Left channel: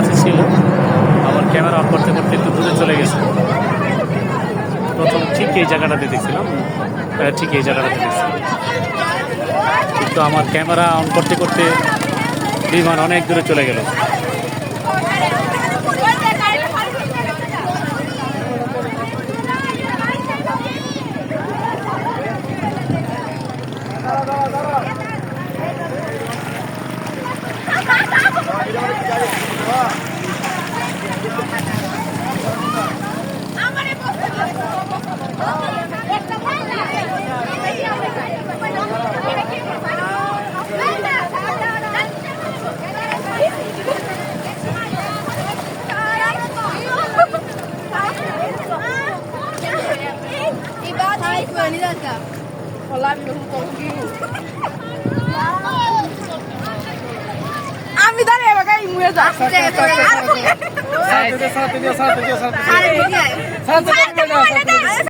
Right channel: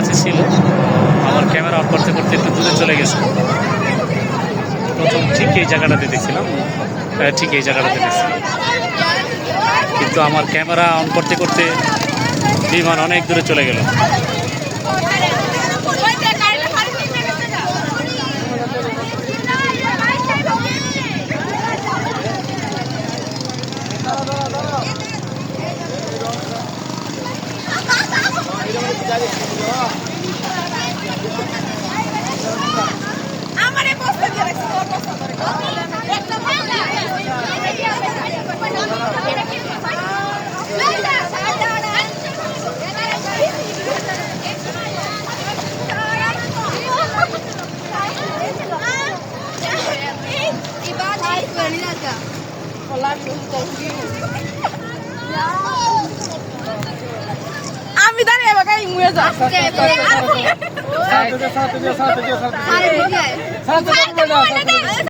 কাছে ছিল, আমার ক্যামেরা অন করতে করতে একটু দূরে চলে গেছে। প্রথম ঠিক এই জায়গাটাতে দেখছিলাম, ঠিক এই জায়গাটাতে দেখছিলাম, কিন্তু আমার ক্যামেরা অন করতে করতে বিমান অনেক দূরে চলে গেল। আমি দাঁড়িয়ে বাগাই মুয়ে যাচ্ছি।